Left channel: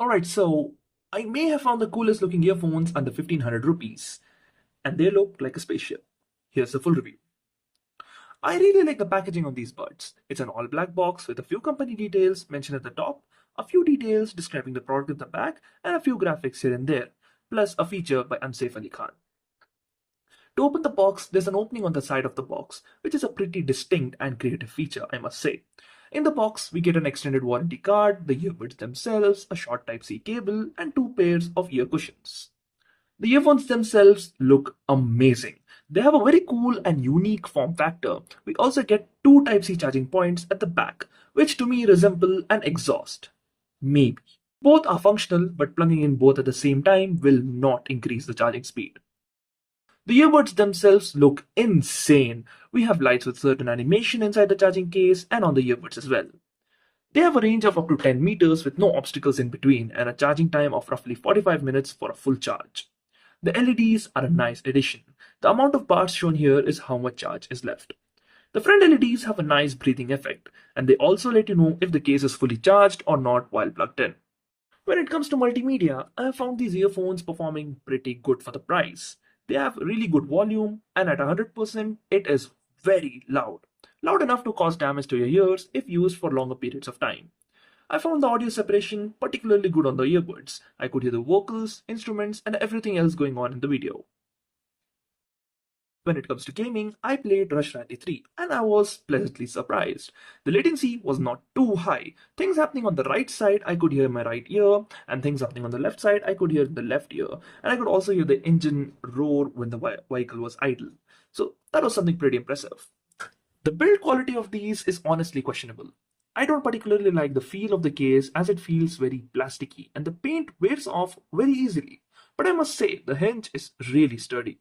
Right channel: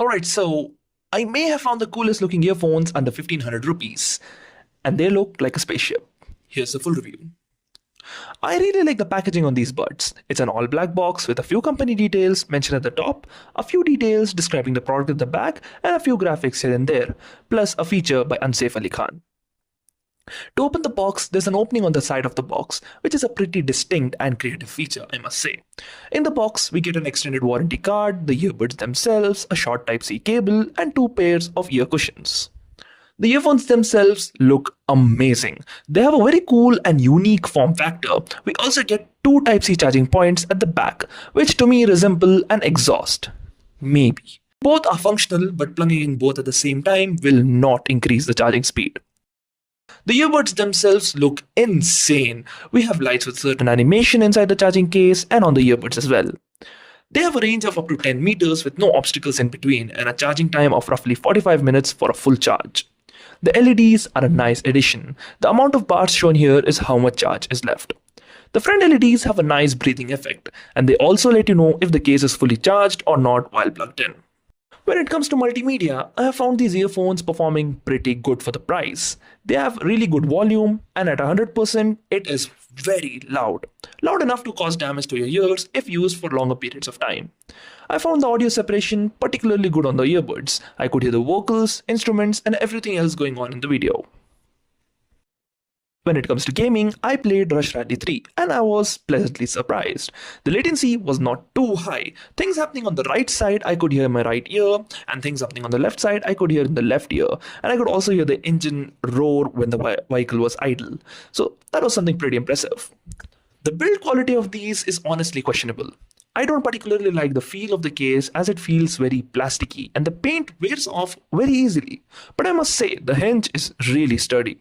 Alright, so I may have found the coolest looking earphones under 1500 rupees, and they look like a spaceship. Here's the full review. I really like the packaging on these buds. It's an all black box with a few company details mentioned at the top, a few details describing the product at the back, and a few graphics here and there, plus a feature by Unsafe Ali Khan. To open the box, there's an opening on the side of the box, which is a pretty distinct and creative feature, I must say. In the box, we get an extended warranty card, the earbuds themselves, a short Type-C cable, and two pairs of ear cushions. The earphones themselves look amazing. They have a very cool and unique form factor. We also get two Type-C charging points at the back, which to me resemble an exhaust. Maybe. Both are functional, but plugging in both at the same time will not increase the charging speed. The earbuds themselves look insane. We have lights with certain animation inside the charging case and on the earbuds as well. They have a range of up to 10 meters with no obstacles in between and a charging time of roughly 45 minutes for a full charge. The LEDs are a nice addition. The amount of bars shown here is how much charge is left. The front LEDs have a nice breathing effect, and they also let you know if the case is fully charged or not while plugged in. When it comes to multimedia, I have found these earphones performing pretty good for the price. They have really good volume, and at 100%, it is very loud. Loud enough to cause damage to your ears if used for longer periods of time. I found the audio separation particularly good on the earbuds. I could hear the vocals, instruments, and everything else going on in the video. When it comes to gaming, I played Rush Rally 3 and I was pleasantly surprised. The latency was not too high. Things happening on the right side I could hear in my right ear, and things happening on the left side I could hear in the left ear, and I could also hear the engine roar when the vehicle was idle. So that was something pretty impressive. The build quality of these is honestly questionable. I don't particularly like the feel of the case as it feels very plasticky and the paint wears off very easily, but I must say the hinge is really sturdy.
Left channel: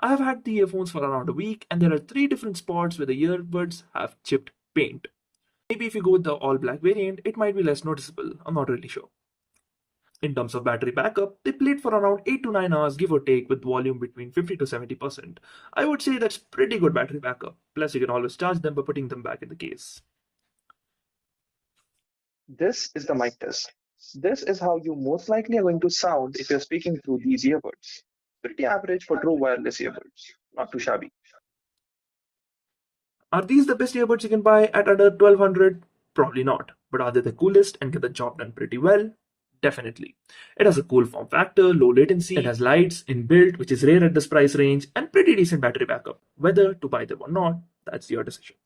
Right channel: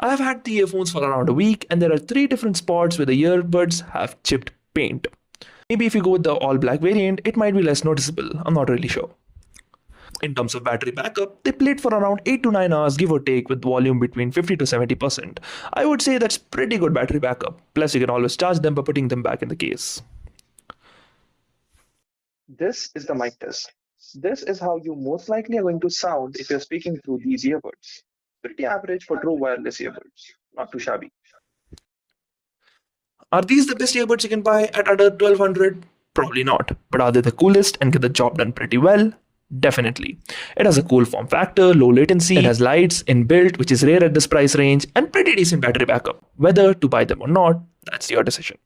I have had the earphones for around a week and there are 3 different spots where the earbuds have chipped paint. Maybe if you go with the all black variant, it might be less noticeable, I'm not really sure. In terms of battery backup, they played for around 8 to 9 hours give or take with volume between 50 to 70%. I would say that's pretty good battery backup, plus you can always charge them by putting them back in the case. This is the mic test. This is how you most likely are going to sound if you're speaking through these earbuds. Pretty average for true wireless earbuds, not too shabby. Are these the best earbuds you can buy at under 1200? Probably not. But are they the coolest and get the job done pretty well? Definitely. It has a cool form factor, low latency, it has lights inbuilt, which is rare at this price range, and pretty decent battery backup. Whether to buy them or not, that's your decision.